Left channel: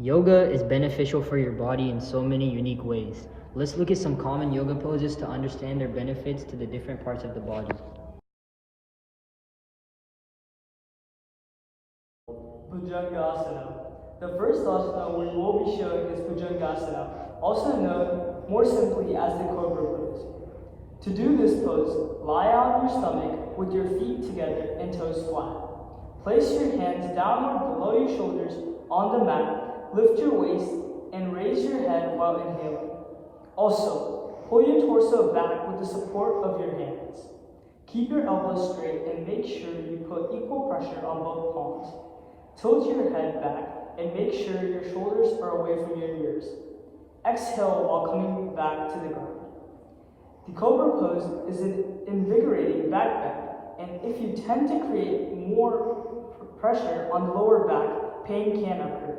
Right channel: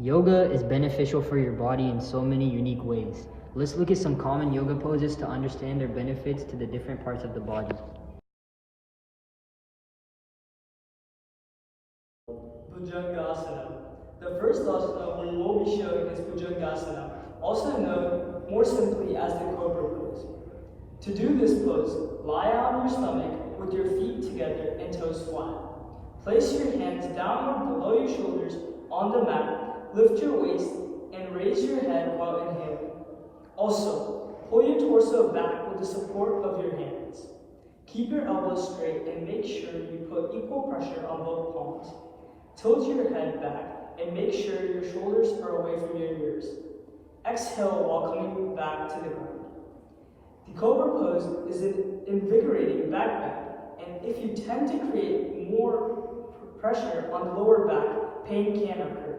Yoga is beneficial for your body in so many unique ways. Let's look at some common yoga poses to understand their benefits to the different parts of the body. Asana. The first asana we will be showing is Asana, also known more simply as the Cobra pose. To do this pose, lie on your stomach with your feet together and toes flat. Place your hands downward below your shoulders on the mat, lift your waist, and raise your head while inhaling. Also, pull your torso back with the support of your hands. Keep your elbows straight and make sure you put equal pressure on both palms. Tilt your head back and make sure your shoulders are away from your ears. Exhale while coming back to the ground. The Cobra pose is an invigorating back bend, and if you tend to create more pressure on the lower back, pain can occur.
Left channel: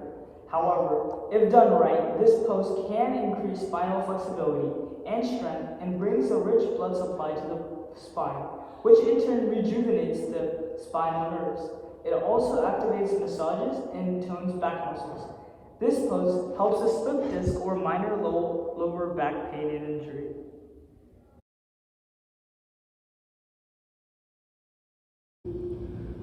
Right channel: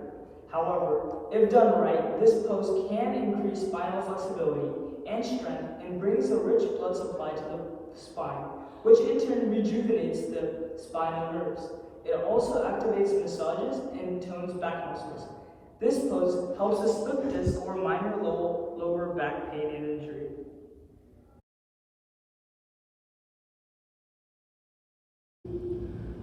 However, if done right, this pose can increase spinal flexibility and strength and brings a rich blood supply to the spine, which in turn rejuvenates the spinal nerves. It also activates massages and tones back muscles. This pose helps with slip disc or minor lower back pain and injury.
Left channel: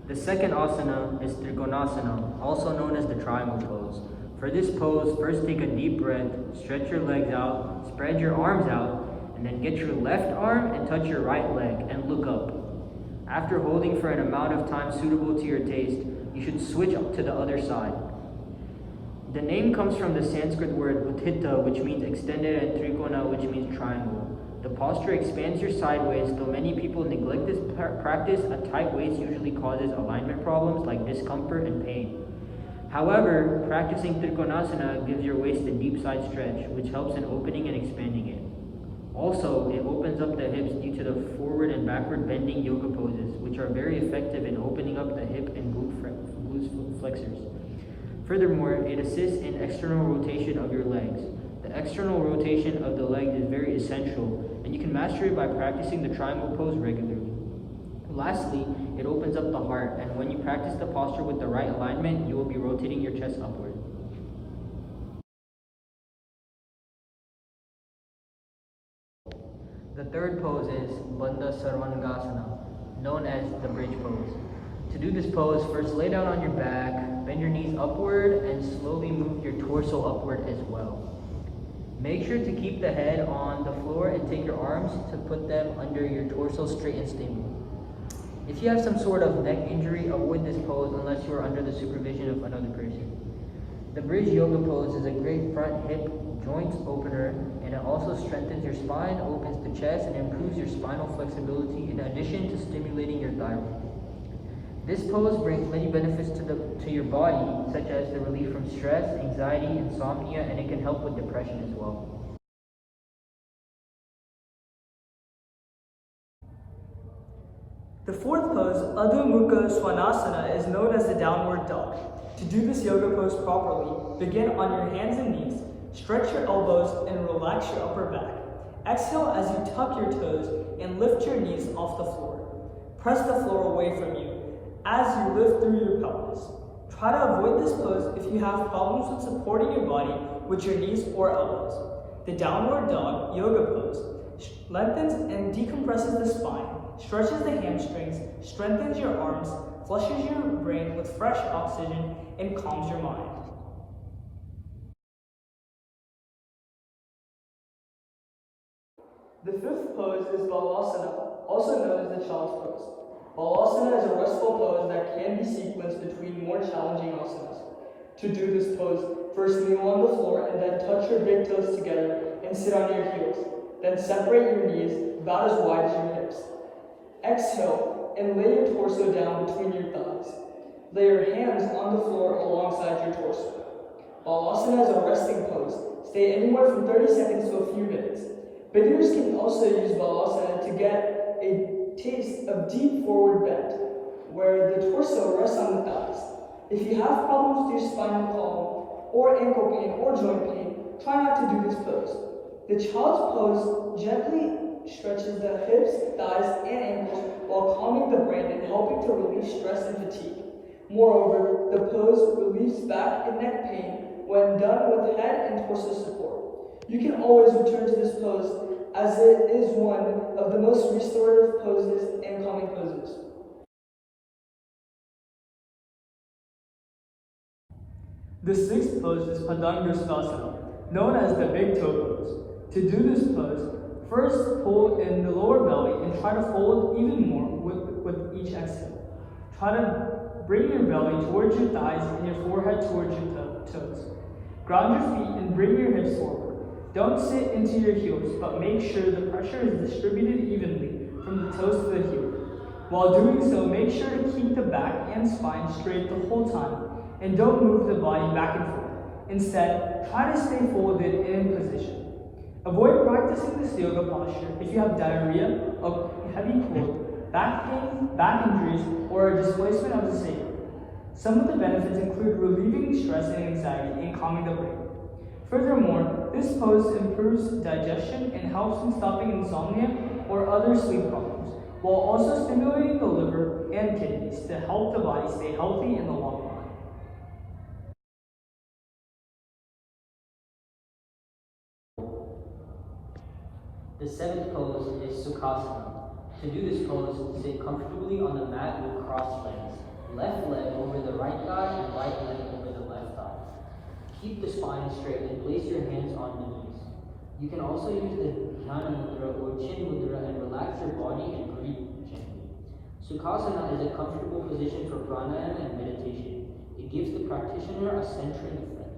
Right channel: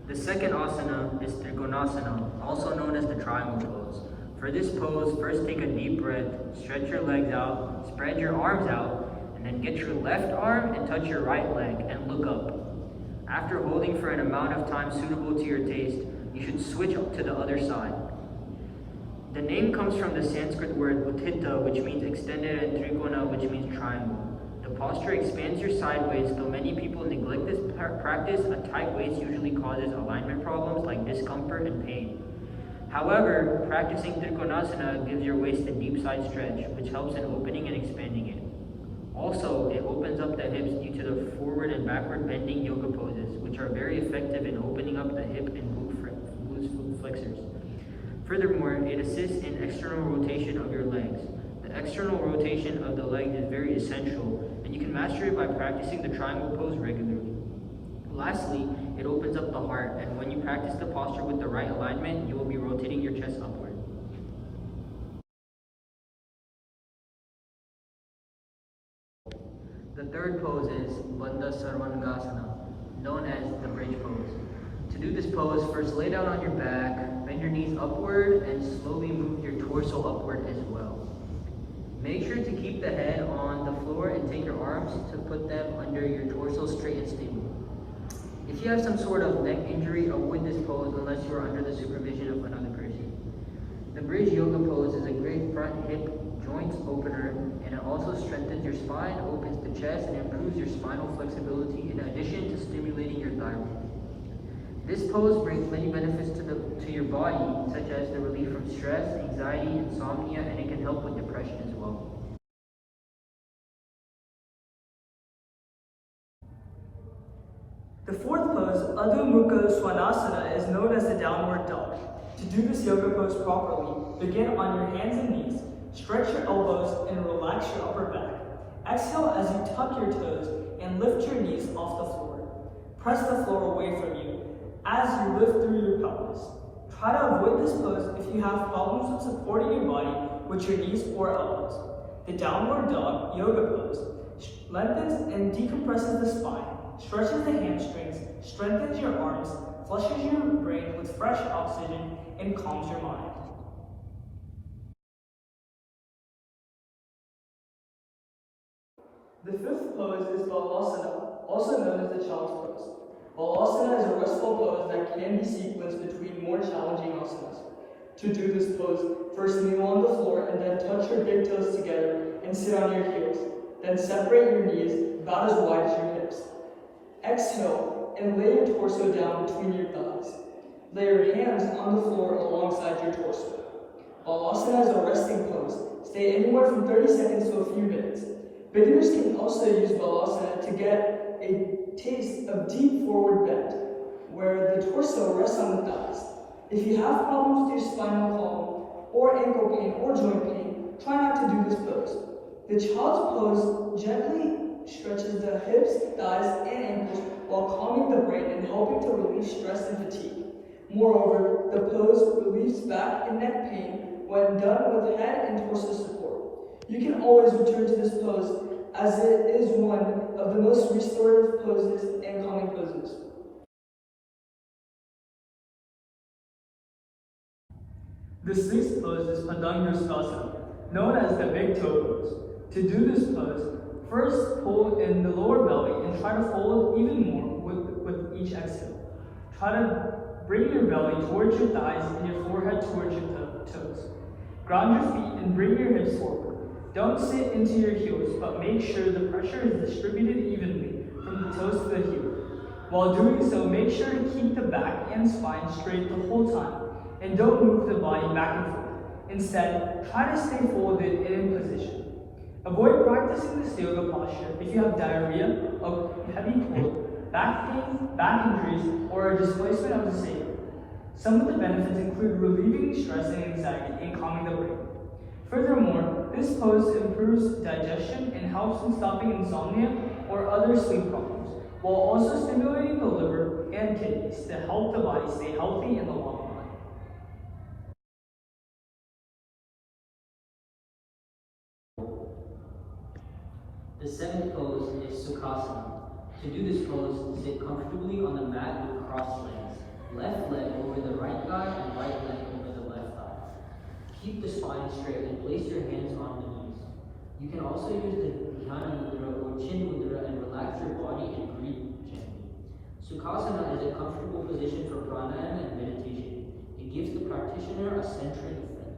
The second asana is Trikonasana, also known as the triangle pose. For this pose, first take a deep breath, stretch your legs out, spread your arms out, and then get your left arm and touch your right leg and look up. After holding for an amount of time suitable to your taste, you should switch to the other side. The name comes from the Sanskrit word utthita, which means extended, and trikona, which means triangle. The posture expands your sideways, though many people neglect this practice. A tight waist usually causes alignment problems like discomfort and pain. However, practicing Trikonasana gives your waist a deep side stretch, which helps in opening and expanding it. Also, it opens up the hips due to the forward and backward bending yoga poses, which are very effective in opening up the hip and glute flexors. Furthermore, it assists in external rotation of your legs. The external rotation of the legs is very essential, and you can master it by practicing the triangle pose regularly. Lastly, it opens up the heart, and when you practice the posture with the right alignment, you will be rotating your chest upward. The third pose is Bandha Sarvangasana, known as the bridge pose. To do this pose, first lay down on your back, bend your knees upward, and slowly move your torso upward as well. Make sure to keep the head on the floor and take your arms to put them under your torso straight and stable. If you have some sort of neck injury, avoid this pose unless you are under the supervision of another person. The bridge yoga pose is a great front hip joints opener, and it also strengthens your spine, opens the chest, and improves your spinal flexibility in addition to stimulating your thyroid. This pose brings many benefits to your body, such as the relief from stress, anxiety, insomnia, and it can help with depression as well. The fourth pose, Adho Mukha Svanasana, is known as the downward dog. To do this yoga pose properly, begin on your hands and knees, stretch your elbows, and relax your upper back. Exhale as you tuck your toes and lift your knees off the floor. Press the floor away from you as you lift through your pelvis. Try to avoid this pose if you have problems with supporting your body with your knees or elbows. The downward dog yoga pose lengthens and decompresses the spine, stretches the hamstrings, strengthens your arms, flushes your brain with fresh oxygen, and calms your mind. The fifth pose is Balasana, also known as the child's pose. Balasana is a restful pose that can be sequenced between more challenging asanas. To do this pose, first kneel on the floor and then touch your big toes together and sit on your heels. Then separate your knees about as wide as your hips. Exhale and lay your torso down between your thighs. Lay your hands on the floor alongside your torso. Balasana is a resting pose. Stay anywhere from 30 seconds to a few minutes. Beginners can also use Balasana to get a taste of deep forward bend, where the torso rests on the thighs. If you have problems with your spinal column, or ankle pain, or joint pain, try not to do this pose. The child's pose gently stretches the hips, thighs, and ankles while calming the brain and helping to relieve stress and fatigue. Moreover, the pose relieves back and neck pain when done with head and torso support. You can always return to this pose as it is one of the most restorative poses and calming poses. The sixth pose is Padangusthasana, known as the big toe pose. To do this pose, first pull in the lower belly and try to fold even more with each exhale. Try to bring your belly towards your thighs and your forehead towards your toes. Ground your feet and bring your hips forward. Don't sit into your heels, but make sure the pressure is distributed evenly from the toes to the heel. While doing so, make sure to keep the back and spine straight the whole time, and don't move the body back and forth. Instead, try to stay folded in position. Avoid practicing this yoga posture if you have diarrhea, a heavy cold, back pain, back injuries, or a displacement of the sacrum. Some of the benefits include relieving stress and anxiety and calming the brain. Furthermore, this pose improves digestion and helps in stopping insomnia or other sleep problems, while also stimulating the liver and kidneys to help the body stay healthy in the long run. The seventh pose is Sukhasana. To do this pose, sit comfortably on the mat with crossed legs. Left leg over the right thigh and right leg over the left thigh. Keep the spine straight and place your hands on the knees. You can also use the Dhyana Mudra or Chin Mudra and relax your body and breathe gently. Sukhasana is a comfortable position for pranayama and meditation. It gives the practitioner a centering effect.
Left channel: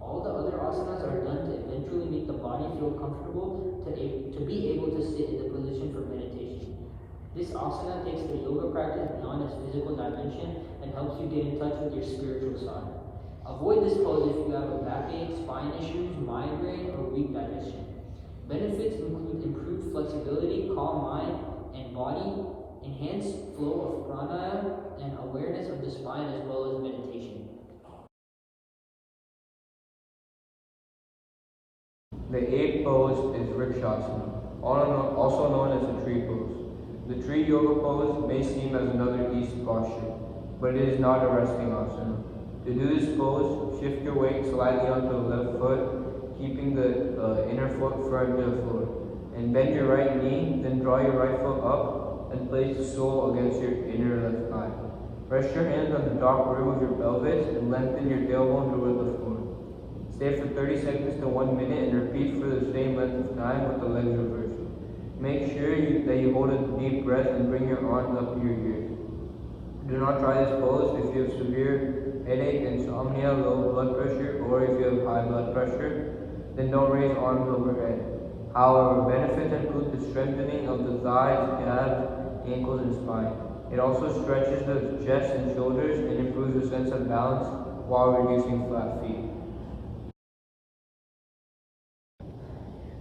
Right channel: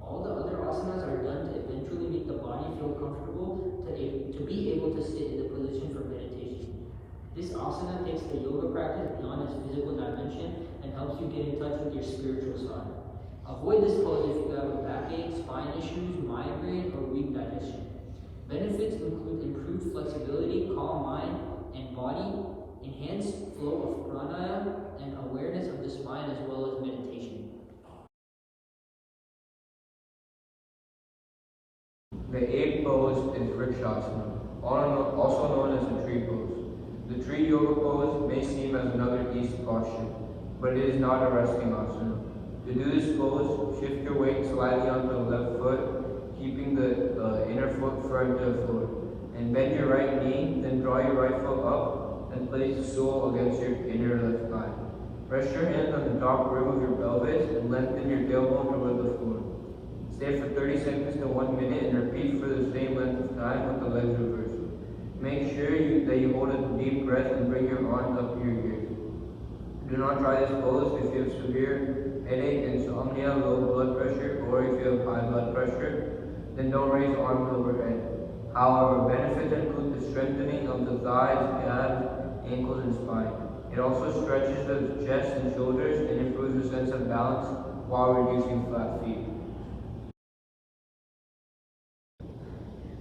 All the other asanas are done to eventually make the body feel comfortable to be able to sit in the position for meditation. This asana takes the yoga practice beyond its physical dimension and helps you get in touch with your spiritual side. Avoid this pose if you have a backache, spine issues, migraine, or weak digestion. Benefits include improved flexibility, calm mind and body, enhanced flow of pranayama, and awareness of the spine as well as meditation. The eighth pose is Vrikshasana, also known as the tree pose. The tree yoga pose may seem as another easy posture, but it is not a resting asana. To do this pose, shift your weight slightly onto the left foot, keeping the inner foot firm to the floor. And bend your right knee, then draw your right foot up and place the sole against your inner left thigh. Press your hands on the top row of your pelvis and lengthen your tailbone toward the floor. Stay for 30 seconds to 1 minute and repeat for the same length of time with the legs reversed. Make sure that you hold a deep breath and bring your arms up to your ears. Do not try this pose if you have severe headache, insomnia, low blood pressure, or if you have high blood pressure. Then don't raise arms overhead. However, benefits include the strengthening of the thighs, calves, ankles, and spine. It also stretches the chest and shoulders and improves the sense of balance while reducing flat feet.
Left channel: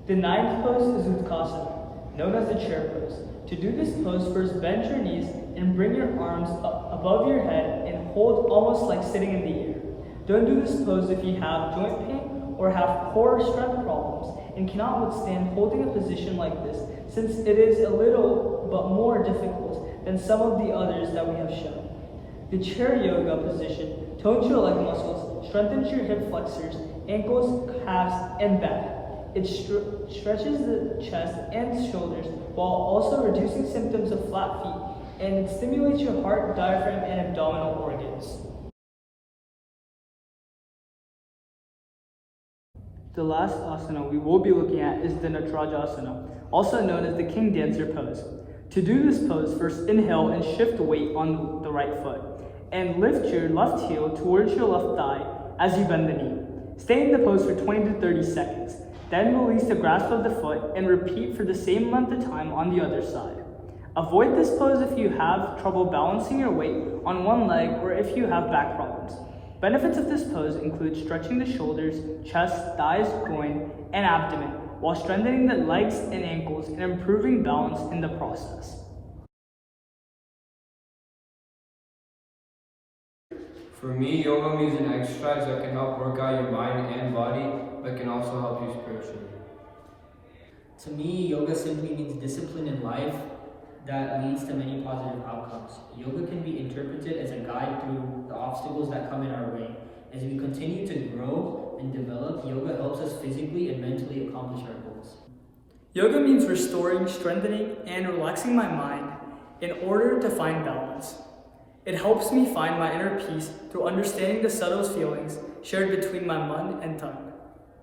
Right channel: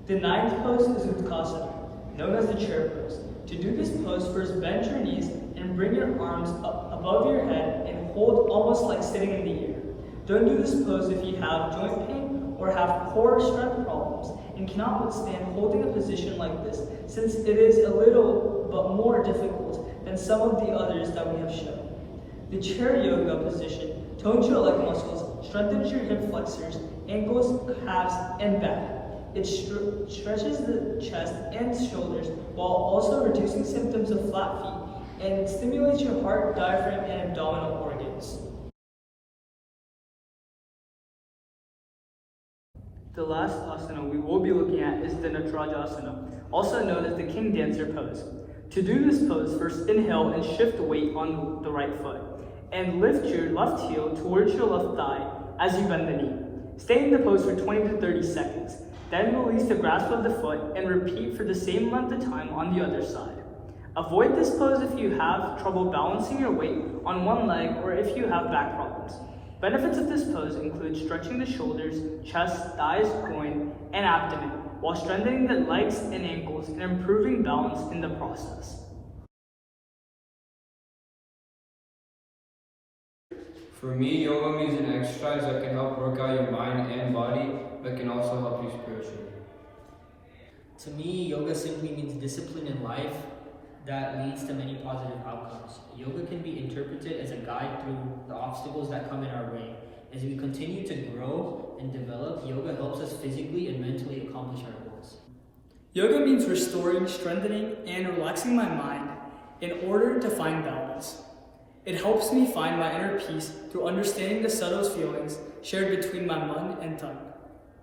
The ninth pose is Utkatasana, known as the chair pose. To do this pose, first bend your knees and bring your arms up above your head and hold almost like sitting in the air. Don't do this pose if you have joint pain or have core strength problems and cannot withstand holding a position like this, since it is a little but more difficult than some of the others that we have shown. The chair yoga position tones your leg muscles, strengthens your hip flexors, ankles, calves, and back. It stretches the chest and shoulders while also reducing symptoms of flat feet, and it stimulates your heart, diaphragm, and abdominal organs. The last asana we will be looking at is the Natarajasana, also known as the King Dancer pose. To do this pose, first inhale and shift weight on the right foot, and lift your left heel towards your left thigh as you bend the knee. Stay in the pose for 20 to 30 seconds. Then release the grasp of the foot and repeat for the same amount of time on the other side. Avoid this pose if you have trouble balancing your weight on one leg or if you have back problems. Benefits of this pose include stretching the shoulders, chest, thighs, groin, and abdomen, while strengthening the legs and ankles and improving balance in the process. For me, yoga means an exercise that can help work out your mind and body, but can also help you spiritually. To me, yoga simply means discipline in life that leads to many positive outcomes. Yoga can be interpreted as a guide through the obstacles that come in our way. As we continue to grow, and develop, yoga helps us physically and mentally accomplish our goals. Yoga means restoring, strengthening, and relaxing my mind in order to find balance. It helps me find my inner peace through understanding the subtle feelings shared between my mind and tongue.